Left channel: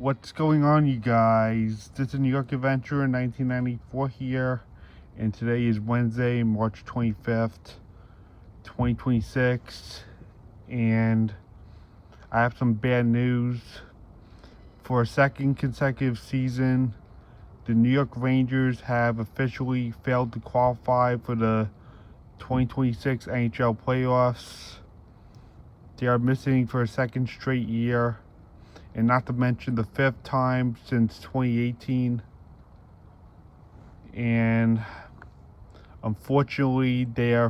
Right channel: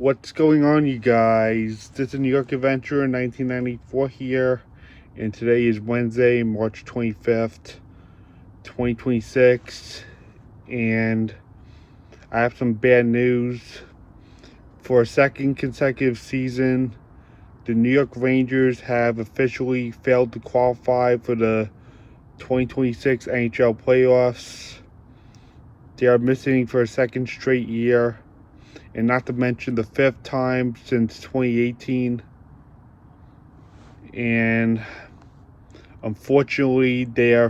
What's going on, you guys? This is New York Adventure in 1994 here, and today is Wednesday, March 25th, 2026, and I have some bad news. For a second consecutive season, the New York Rangers have officially failed to qualify for the 2026 NHL playoffs. They are missing for a second straight year, and not to mention the fifth time since 2018. And unfortunately, they're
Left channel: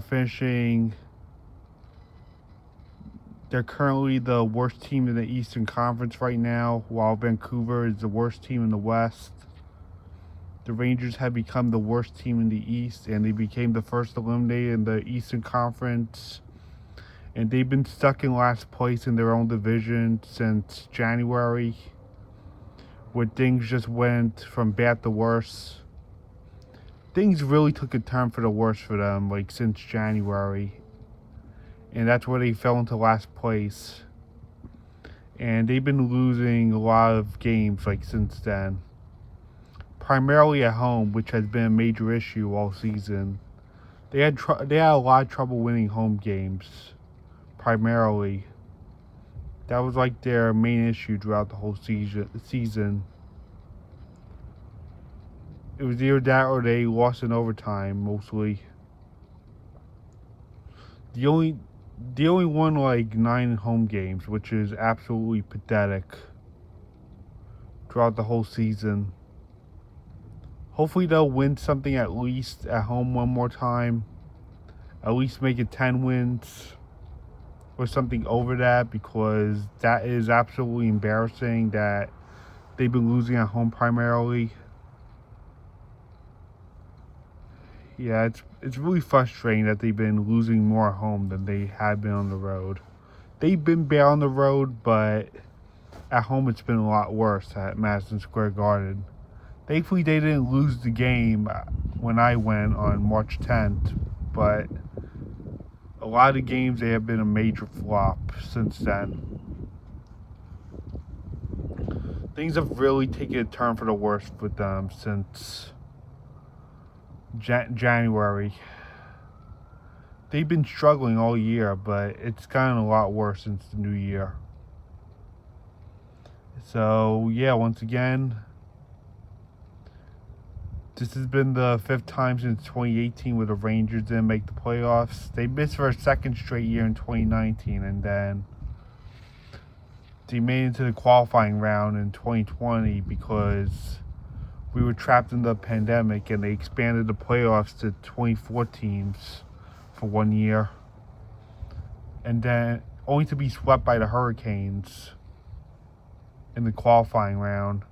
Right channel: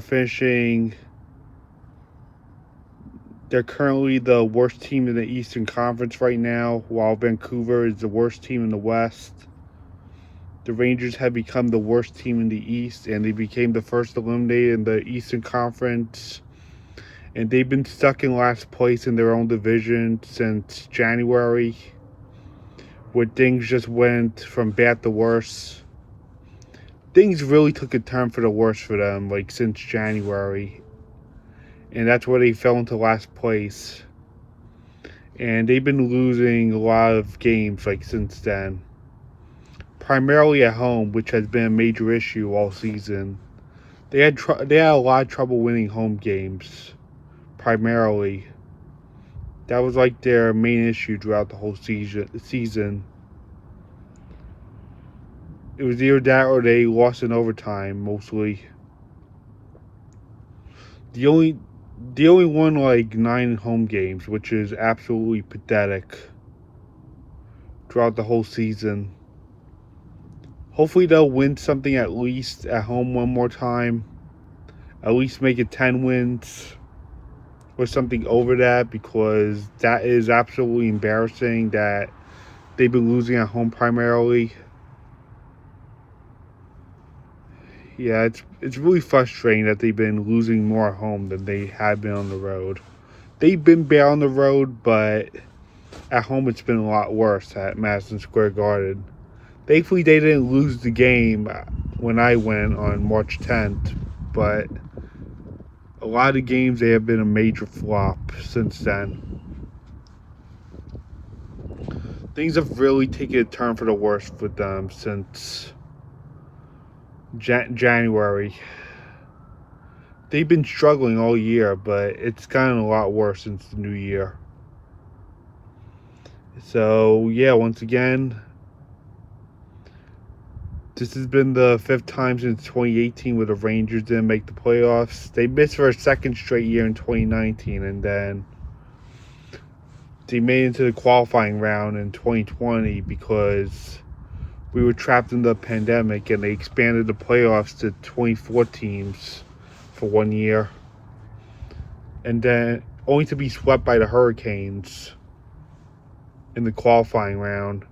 currently the worst team in the Eastern Conference right now, while Vancouver is the worst team in the West. The Rangers have become the worst team in the East, and they became the first eliminated in the Eastern Conference. And they've been stuck in last place in their own division since January, where things just went from bad to worse. Things really took a turn for the worse for them, since January. And that's where they fell into last place. And they've been losing a lot of games, since then. Primarily at home, which has been a major issue all season. They had a lot of trouble winning home games. Primarily. That was their main issue throughout the whole season. It was either that or they lost in overtime, mostly. They only won 9 home games, which is absolutely pathetic throughout the whole season. Hopefully they'll win something at least at home one more time. At least make it 10 wins or something over that, because that is absolutely embarrassing that they've been losing at home primarily. Yeah, it's really frustrating that they've been losing more at home than they have been on the road. They've been bad on the road, but at home it's been a lot worse at Madison Square Garden. Thankfully, they didn't lose the game when I went on March 10th, but a lot of games they have been a major flop since then. Things have really taken a turn for the worse with them since January. They've been struggling all year, but it's gotten a lot worse since the new year. So, yeah, once again, this has been the 5th time since 2018 where the Rangers didn't make the playoffs. They missed for a second straight year in 2019, and then they made it into the qualifying round in 2020 because we were trapped in the pandemic, and they expanded the playoffs to 24 teams for 1 year. And then only to be swept by the Hurricanes in the qualifying round.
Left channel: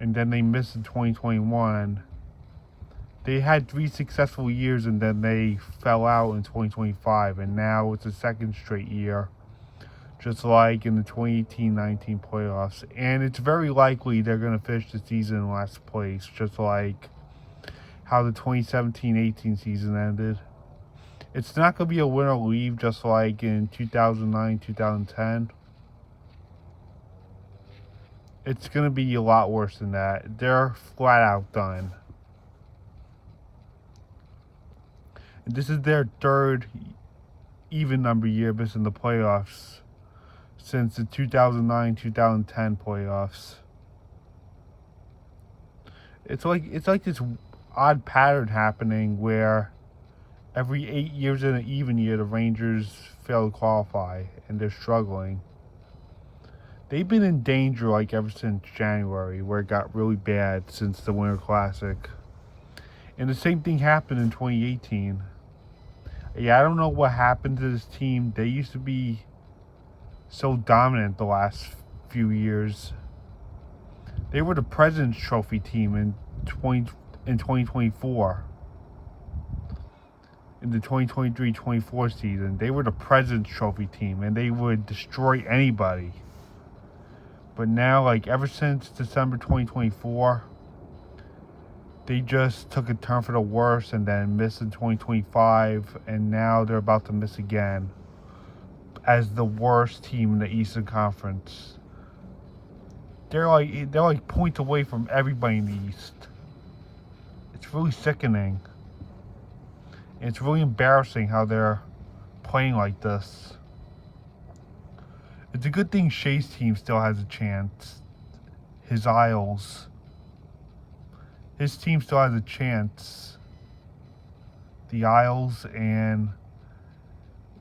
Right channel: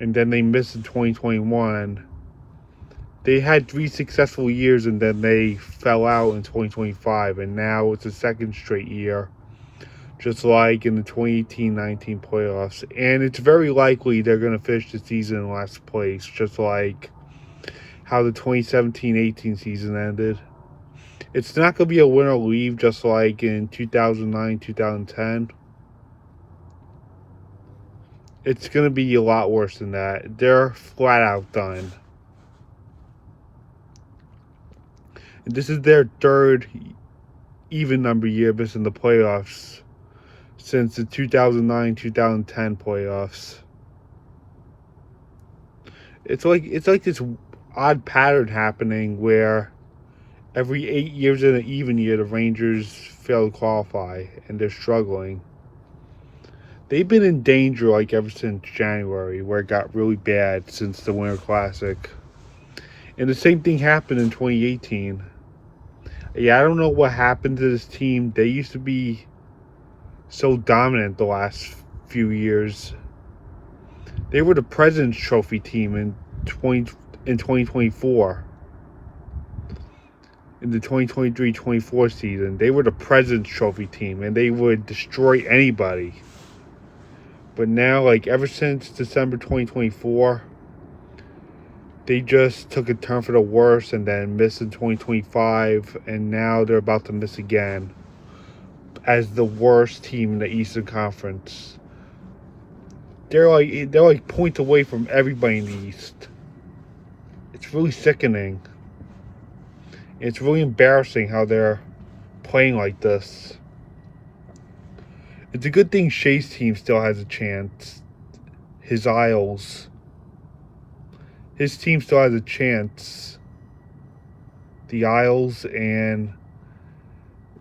And then they missed in 2021. They had 3 successful years, and then they fell out in 2025, and now it's a second straight year, just like in the 2018-19 playoffs. And it's very likely they're going to finish the season in last place, just like how the 2017-18 season ended. It's not going to be a win or leave, just like in 2009-2010. It's going to be a lot worse than that. They're flat out done. And this is their 3rd even number year missing the playoffs since the 2009-2010 playoffs. It's like this odd pattern happening where every 8 years in an even year the Rangers fail to qualify, and they're struggling. They've been in danger ever since January, where it got really bad since the Winter Classic. And the same thing happened in 2018. Yeah, I don't know what happened to this team. They used to be so dominant the last few years. They were the President's Trophy team in 2024. In the 2023-24 season, they were the President's Trophy team, and they would destroy anybody. But now, ever since December 2024, they just took a turn for the worse and then missed in 2025, and now they're about to miss again as the worst team in the Eastern Conference. they're like points away from everybody in the East. It's really sickening. It's really embarrassing how they're playing like this. It's a good thing Shea's team still has a chance. His Isles. His team still has a chance. The Isles, and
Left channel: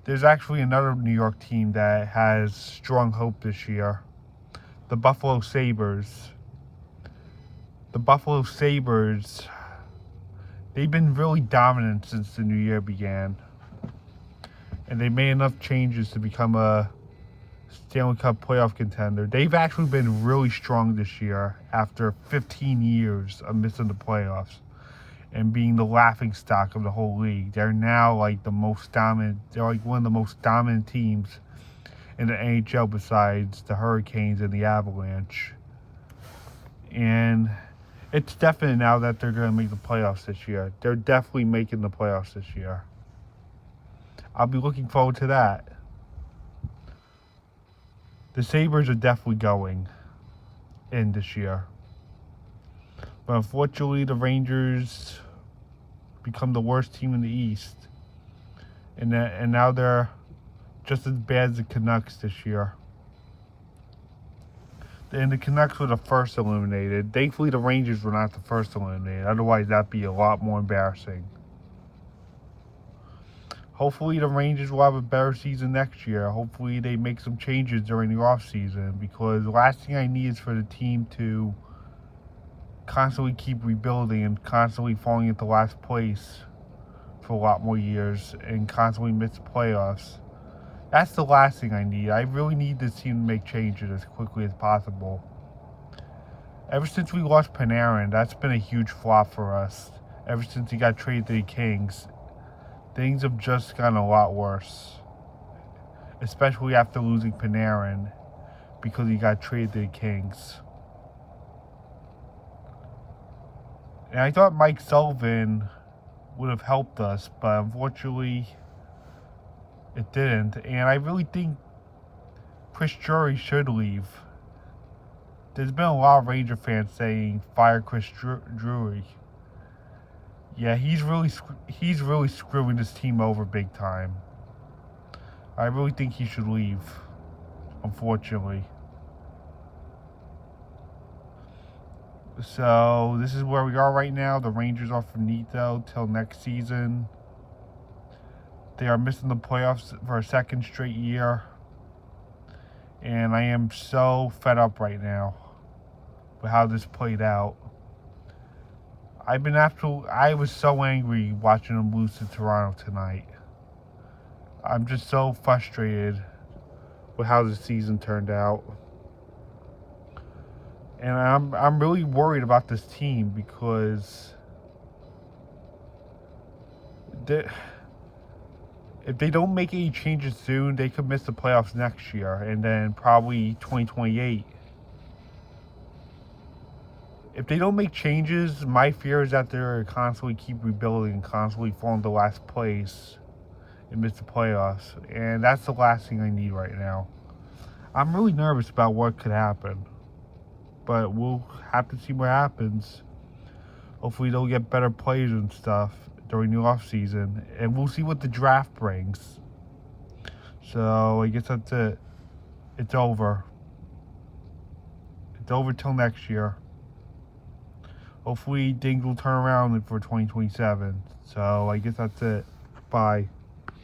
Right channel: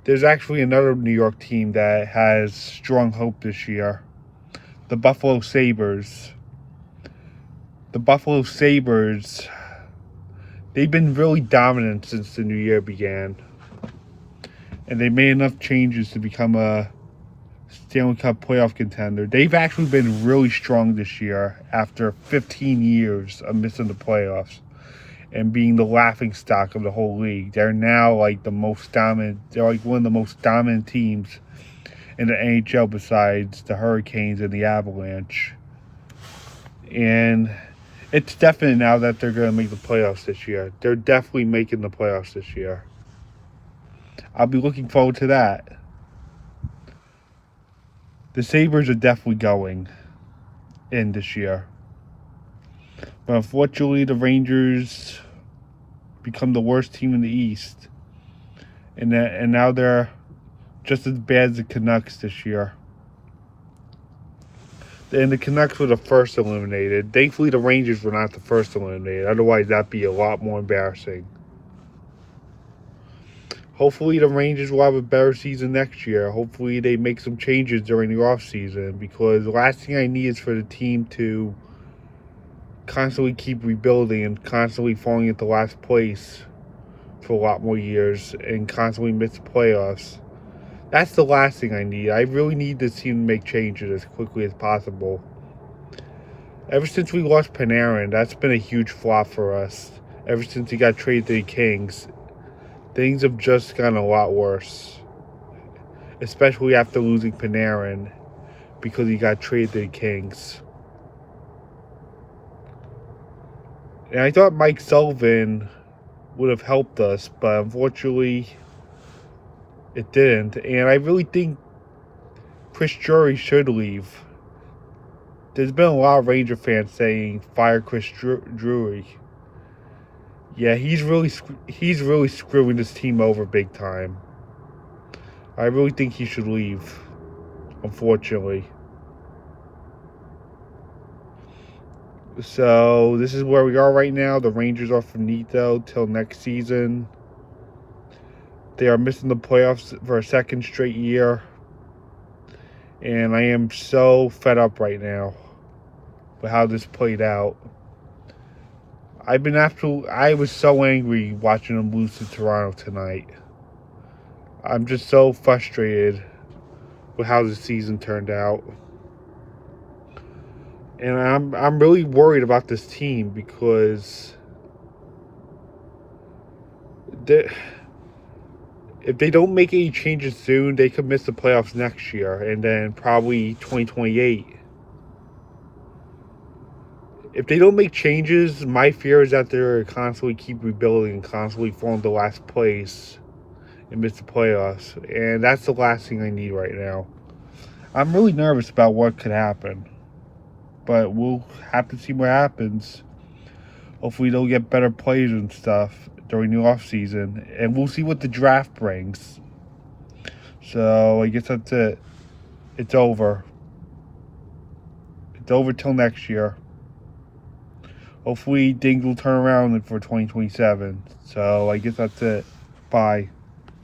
there's actually another New York team that has strong hope this year. The Buffalo Sabres. The Buffalo Sabres, they've been really dominant since the new year began. And they made enough changes to become a Stanley Cup playoff contender. They've actually been really strong this year after 15 years of missing the playoffs and being the laughingstock of the whole league. They're now like the most dominant. They're like one of the most dominant teams in the NHL besides the Hurricanes and the Avalanche. And it's definite now that they're going to make the playoffs this year. They're definitely making the playoffs this year. I'll be looking forward to that. The Sabres are definitely going in this year. But unfortunately, the Rangers become the worst team in the East. And now they're just as bad as the Canucks this year. And the Canucks were the first eliminated. Thankfully, the Rangers were not the first eliminated. Otherwise, that'd be a lot more embarrassing. Hopefully, the Rangers will have a better season next year. Hopefully, they make some changes during the offseason. Because the last thing I need is for the team to constantly keep rebuilding and constantly falling into last place for a lot more years and constantly miss the playoffs. That's the last thing I need. I really need this team to make changes as quickly as possible. Ever since we lost Panarin, that's been a huge flop for us. Ever since he got traded to the Kings, things have just gotten a lot worse. Especially after losing Panarin because he got traded to the Kings. And I thought Mike Sullivan would have helped us, but unfortunately it didn't. And I really think Chris Drury should leave. There's been a lot of Ranger fans saying fire Chris Drury. Yeah, he's really screwing this team over big time. I really think he should leave, unfortunately. So this is where we are right now. The Rangers are finito till next season. They are missing the playoffs for a second straight year. And I am so fed up right now with how this played out. I was so angry watching them lose to Toronto tonight. I'm just so frustrated with how the season turned out. And I'm really worried about this team because if they don't make any changes soon, they could miss the playoffs next year and then probably 2028. If they don't make changes, my fear is that they're constantly keep rebuilding and constantly falling to last place and miss the playoffs. And that's the last thing I need right now. I'm really nervous about what could happen. But we'll have to see what happens. Hopefully they'll get better players and stuff during the off season. And we'll see what the draft brings. So I guess that's it. It's over. It's over till next year. Hopefully things will turn around for 2027. So I guess that's it. Bye.